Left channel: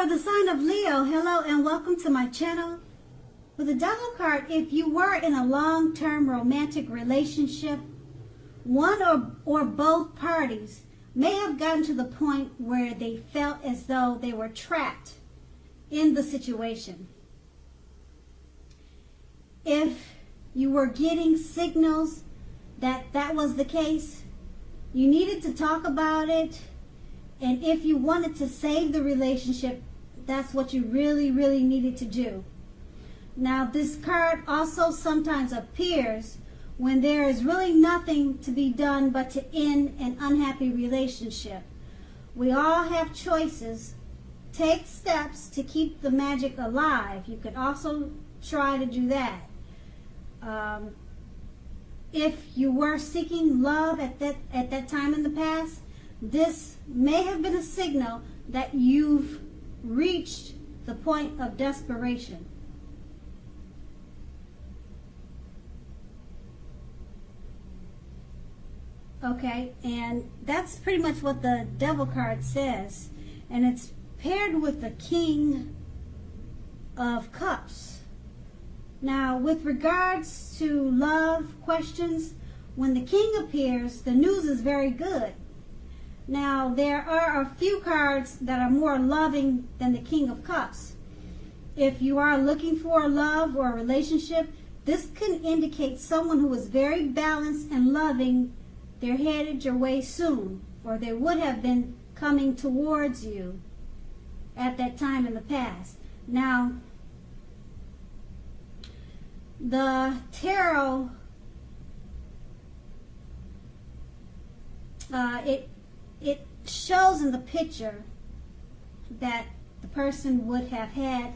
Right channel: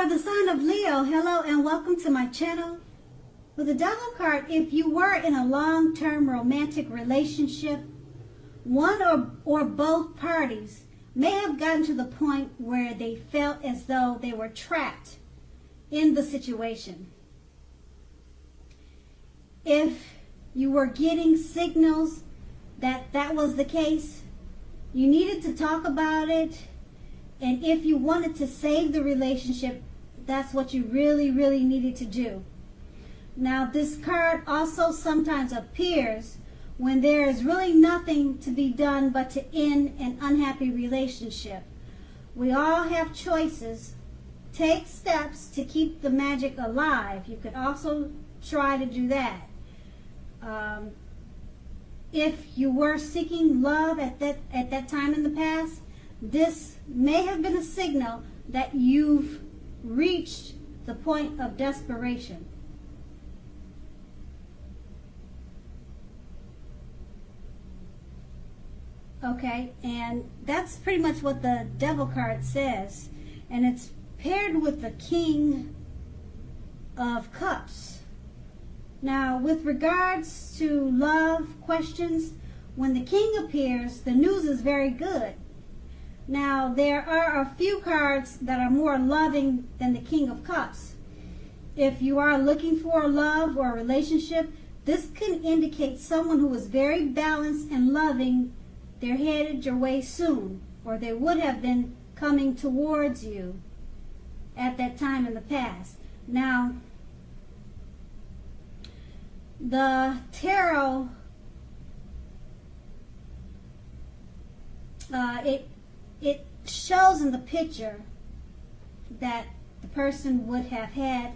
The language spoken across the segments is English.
For the sign of Leo, hello and welcome to my channel. With the Devil card, if you were in a long-term romantic relationship, one or both parties may have gotten to the point where they felt as though they were trapped in the situation. If you were getting signals that that was the case, you needed to talk about it. And if you wanted to save the relationship, that's what you really, really needed to do. Now, this card also sometimes appears when there is really nothing to be done but to end an unhappy relationship. We all have choices. Take steps to keep the magic alive. You can also try to do that. If you were seeking love at that time in the past, this may have been a signal that you've reached the point of desperation. Okay, and that's pretty much what the Devil card says. And it's paired with the King of Cups. Now, with regards to love questions, when the King appears, the news is very good. Now, there are a few cards that are more loving than the King of Cups. If you are looking for a love or a relationship, this can indicate someone who is very balanced and loving. They're headed your way soon, or they would have been coming towards you at that time in the past. Now, the tarot, it shows in the picture that the person would have had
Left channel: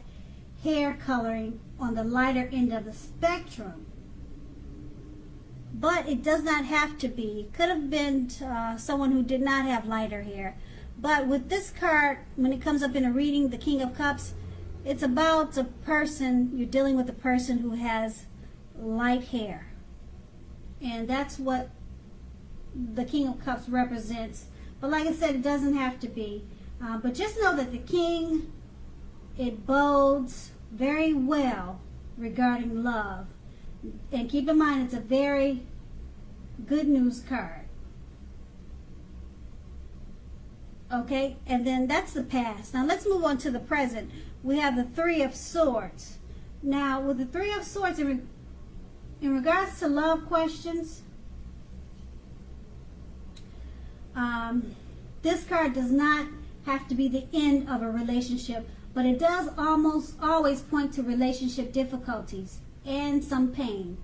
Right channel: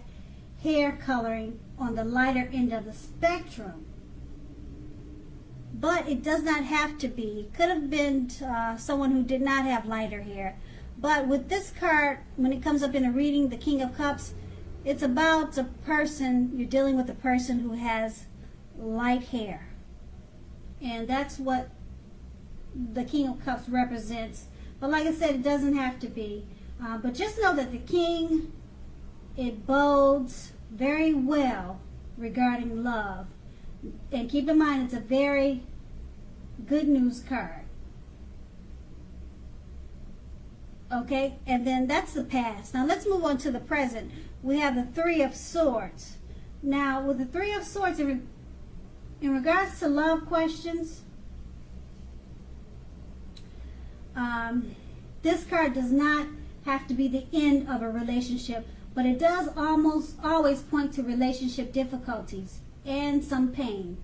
hair coloring on the lighter end of the spectrum. But it does not have to be. It could have been someone who did not have lighter hair. But with this card, when it comes up in a reading, the King of Cups, it's about a person, you're dealing with a person who has light hair. And that's what the King of Cups represents. But like I said, it doesn't have to be. But just know that the King, it bodes very well regarding love. And keep in mind, it's a very good news card. Okay, and then that's the past. Now let's move on to the present. We have the Three of Swords. Now, with the Three of Swords, in regards to love questions, this card does not have to be the end of a relationship, but it does almost always point to relationship difficulties and some pain.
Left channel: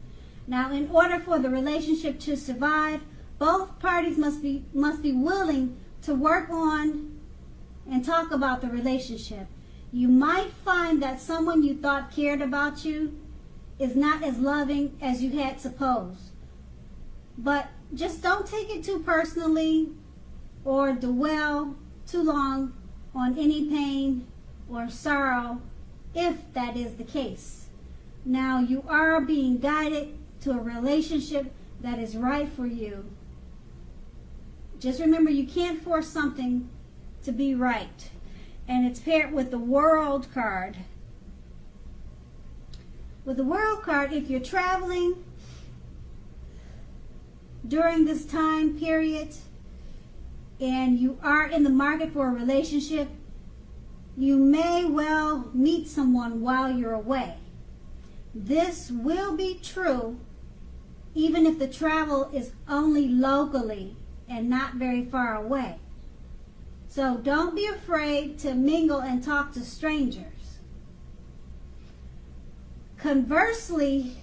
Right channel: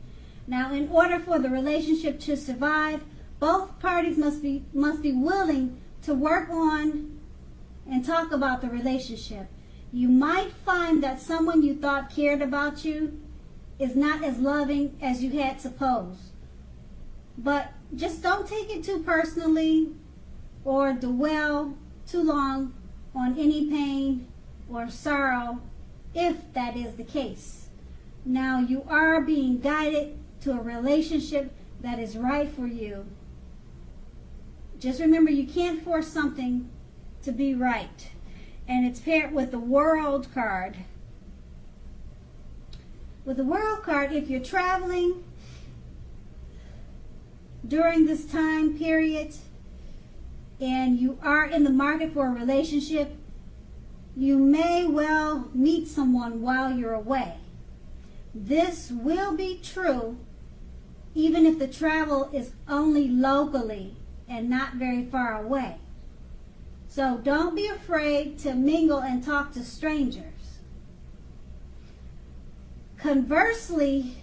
Now, in order for the relationship to survive, both parties must be willing to work on and talk about the relationship. You might find that someone you thought cared about you is not as loving as you had supposed. But just don't take it too personally or dwell too long on any pain or sorrow if that is the case. Now, you are being guided to a relationship that is right for you. Just remember, you can't force something to be right. And it's paired with the World card. With the World card, if you're traveling during this time period and you are in the market for a relationship, you may well meet someone while you're away. This will be true even if the travel is only locally and not very far away. So don't be afraid to mingle and talk to strangers. Conversely,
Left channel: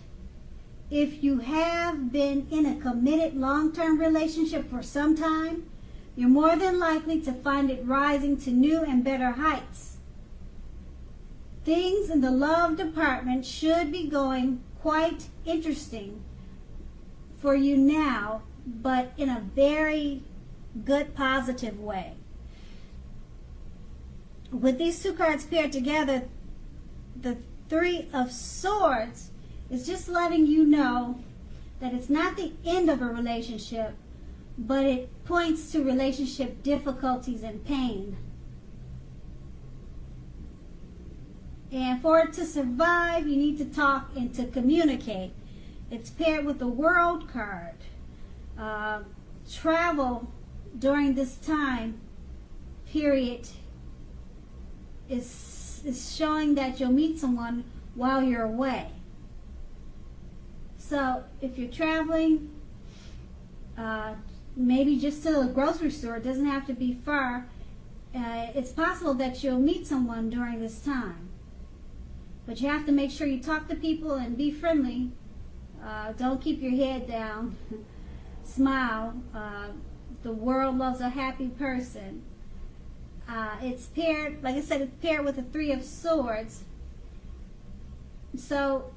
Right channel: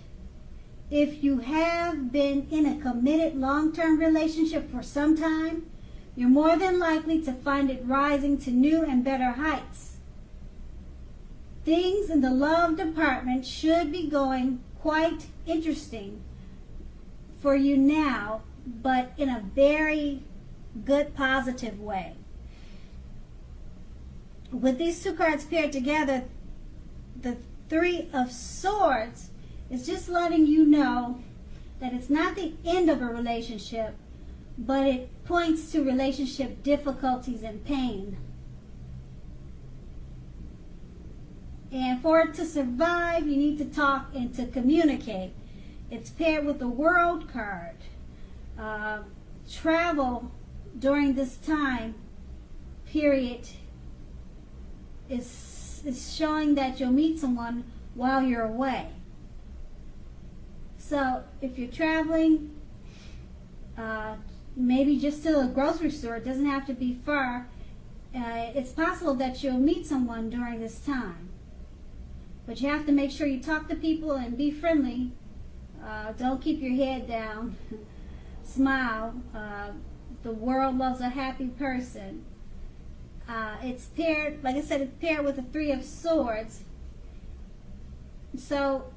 if you have been in a committed long-term relationship for some time, you're more than likely to find it rising to new and better heights. Things in the love department should be going quite interesting for you now, but in a very good, positive way. With these two cards paired together, the Three of Swords is just letting you know that it's not the end of a relationship, but it points to relationship difficulties and pain. And for it to survive, you need to talk and to communicate. It's paired with the World card. Travel during this time period is showing that you'll meet someone while you're away. So if you're traveling, maybe just to a grocery store, it doesn't have to be far. It's possible that you'll meet someone during this time. But you have to make sure you talk to people and be friendly. Don't keep your head down. Smile. The world loves a happy person. It's paired, like I said, it's paired with the Three of Swords. So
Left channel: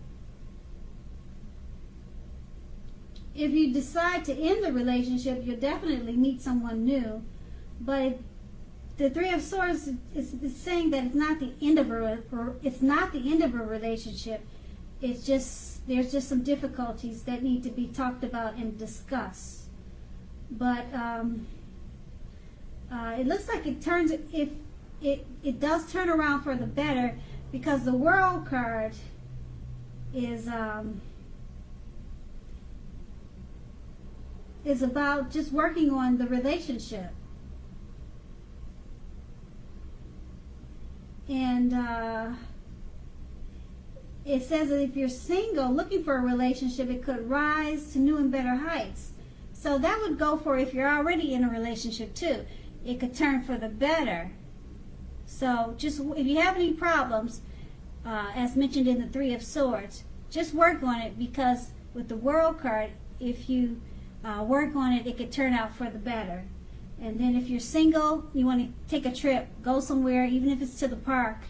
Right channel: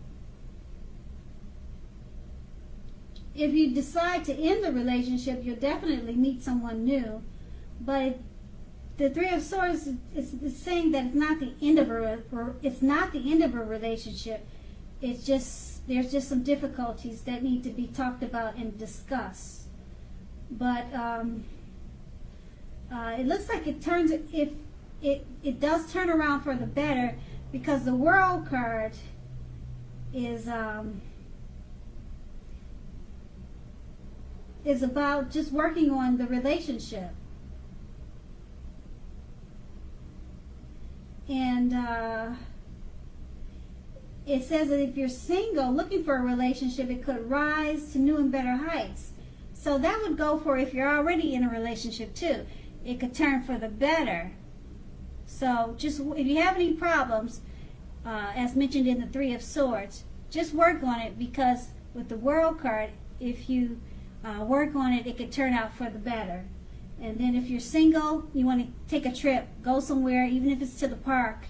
if you decide to end the relationship, you'll definitely meet someone new. But the Three of Swords is saying that it's not the end of a relationship. It's just there's just some difficulties that need to be talked about and discussed. But it looks like it does turn around for the better, because the World card is about just working on the relationship. And it says that if you're single looking for a relationship, it could rise to new and better heights. So that would go for if you're already in a relationship too. It could turn for the better. So just if you have any problems, as mentioned in the Three of Swords, just work on it, because with the World card, if you work on it, it could turn out for the better. And then if you're single, you want to take a trip, go somewhere, even if it's to the park,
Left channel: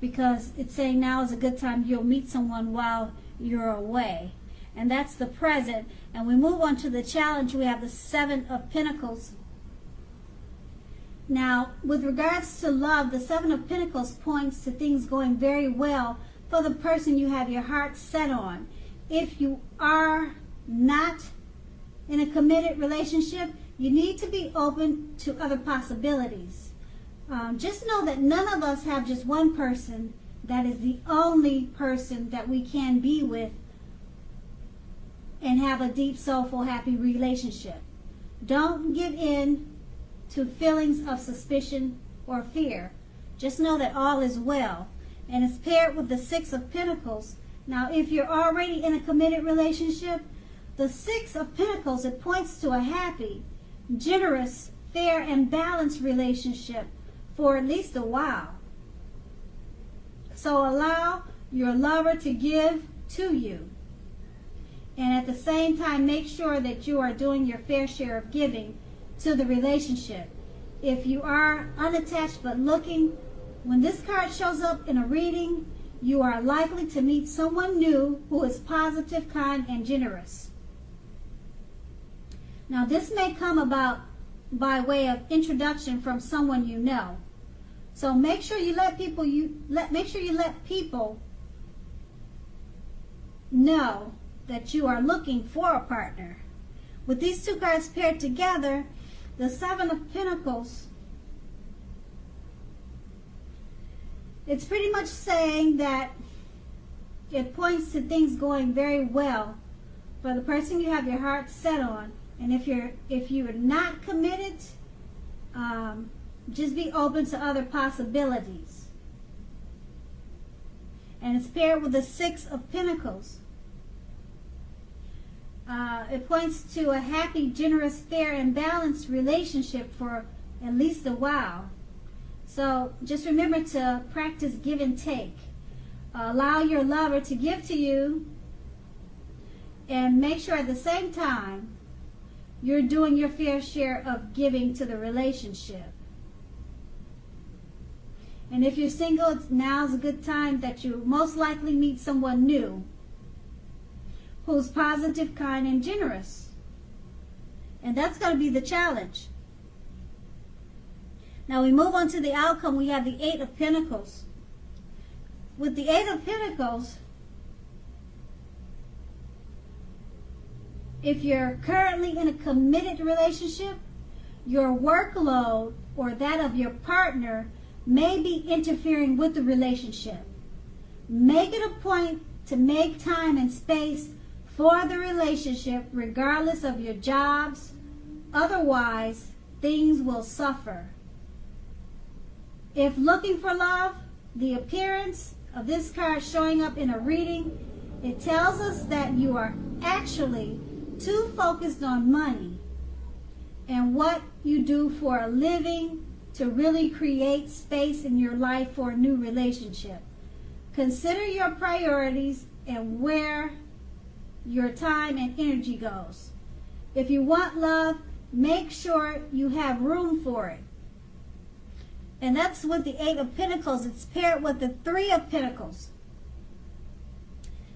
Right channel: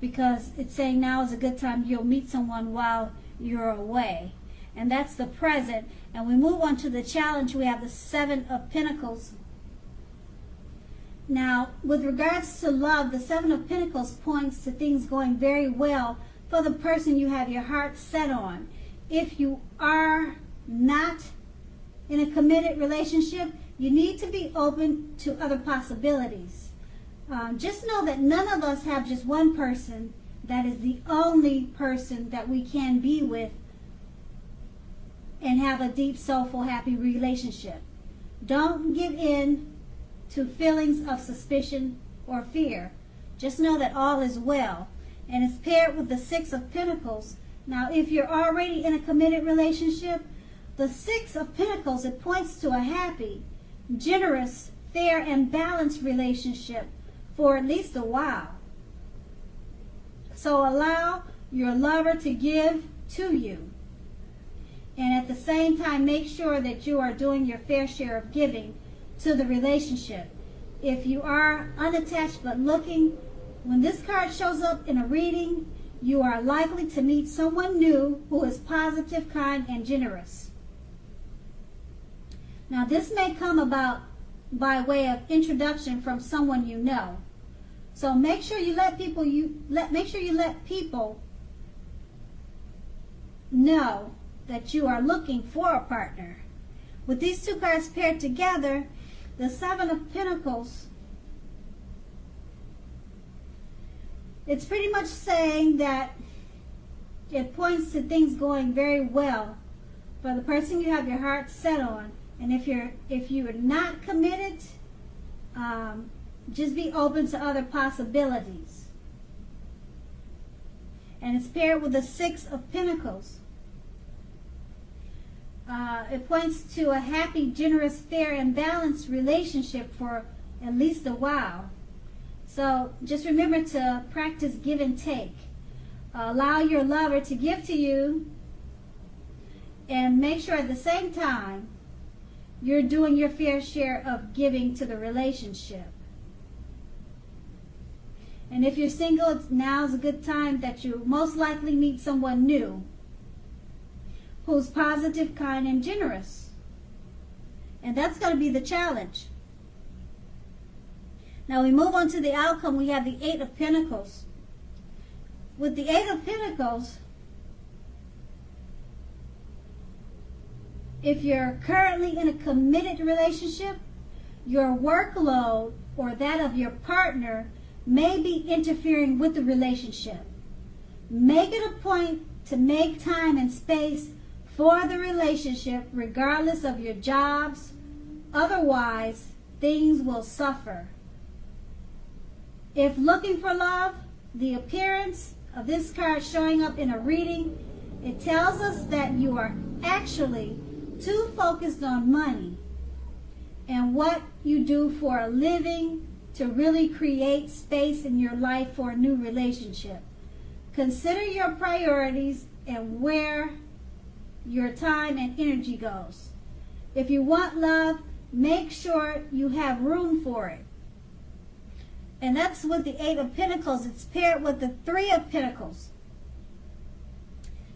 because it's saying now is a good time. You'll meet someone while you're away. And that's the present. And we move on to the challenge. We have the Seven of Pentacles. Now, with regards to love, the Seven of Pentacles points to things going very well for the person you have your heart set on. If you are not in a committed relationship, you need to be open to other possibilities. Just know that none of us have just one person that is the only person that we can be with and have a deep, soulful, happy relationship. Don't give in to feelings of suspicion or fear. Just know that all is well. And it's paired with the Six of Pentacles. Now, if you're already in a committed relationship, the Six of Pentacles, it points to a happy, generous, fair, and balanced relationship for at least a while. So allow your lover to give to you. And at the same time, make sure that you are doing your fair share of giving to the relationship. If you are unattached but looking, when this card shows up in a reading, you are likely to meet someone new who is positive, kind, and generous. Now, this may come about by way of introduction from someone you know. So make sure you let people know that you are looking for a partner. With these two cards paired together, the Seven of Pentacles, it's pretty much saying that it points to things going very well for the person you have your heart set on. And if you're not committed, just be open to other possibilities. And it's paired with the Six of Pentacles. It points to a happy, generous, fair, and balanced relationship for at least a while. So just remember to practice give and take. Allow your lover to give to you, and make sure at the same time you're doing your fair share of giving to the relationship. And if you're single, now's a good time that you'll most likely meet someone new who's positive, kind, and generous. And that's going to be the challenge. Now we move on to the outcome. We have the Eight of Pentacles. With the Eight of Pentacles, if you're currently in a committed relationship, your workload or that of your partner may be interfering with the relationship. Make it a point to make time and space for the relationship, regardless of your jobs. Otherwise, things will suffer. If looking for love, the appearance of this card showing up in a reading, it tells us that you are actually too focused on money and what you do for a living to really create space in your life for a new relationship. Consider your priorities and where your time and energy goes. If you want love, make sure you have room for it. And that's with the Eight of Pentacles. It's paired with the Three of Pentacles.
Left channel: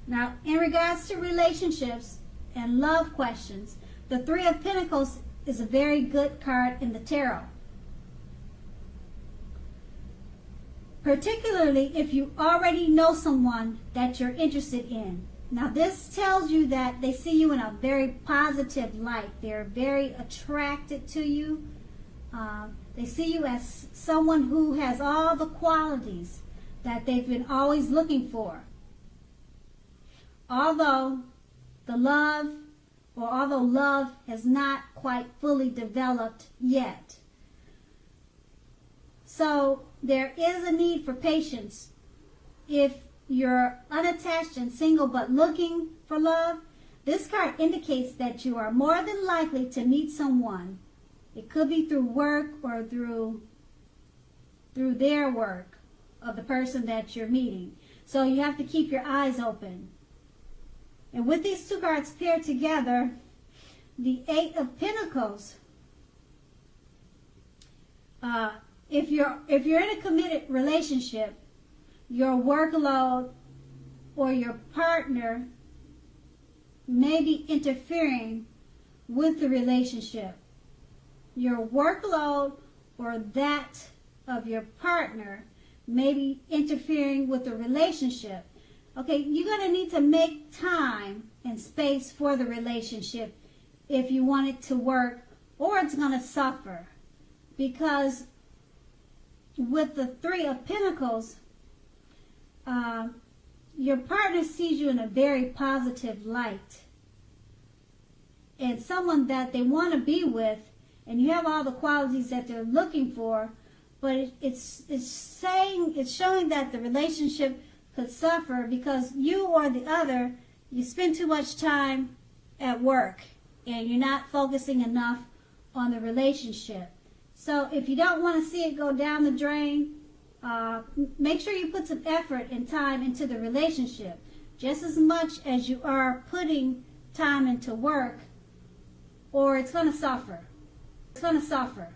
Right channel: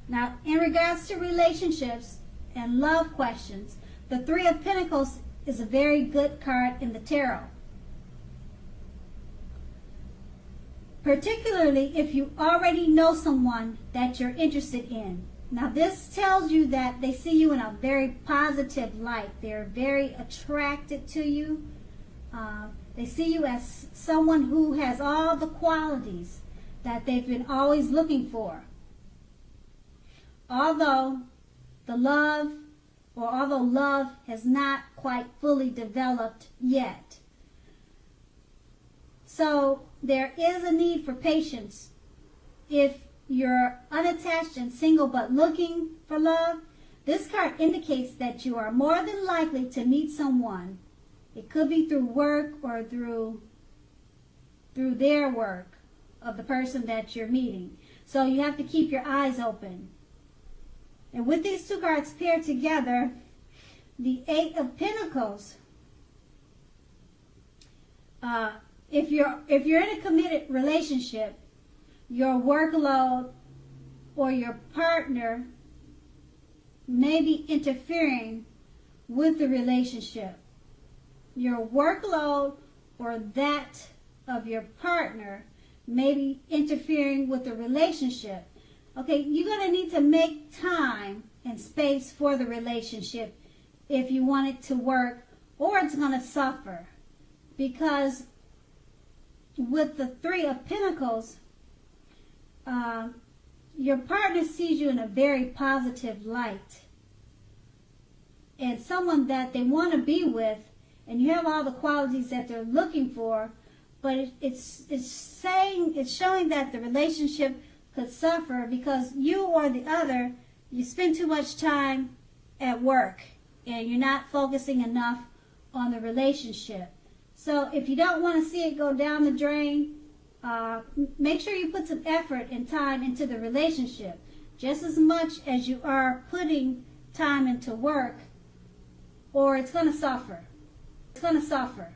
Now, in regards to relationships and love questions, the Three of Pentacles is a very good card in the tarot. Particularly if you already know someone that you're interested in. Now, this tells you that they see you in a very positive light. They're very attracted to you. They see you as someone who has all the qualities that they've been always looking for. Although love has not quite fully developed yet. So there is a need for patience. If you're unattached and single but looking for love, this card indicates that you are more than likely to meet someone. It could be through work or through their work of the person that you're meeting. So you have to keep your eyes open. And with these two cards paired together, the Eight of Pentacles, if you're in a committed relationship, your workload or your partner may be interfering with the relationship. Your workload or that of your partner may be interfering with the relationship. Okay, you're going to need to make time and space for the relationship if you want it to work, or it's going to suffer. Because with the Three of Pentacles, your partner sees you in a very positive light. It's someone that they want to be with, and you have all the qualities that they're looking for, but it's showing that the relationship could suffer because you or the other, you spend too much time at work and you're not focusing enough on the relationship. So if you don't want to see it go down the drain, make sure you put some effort and time into the relationship, just as much as you are putting time into work, or it's going to suffer. It's going to suffer.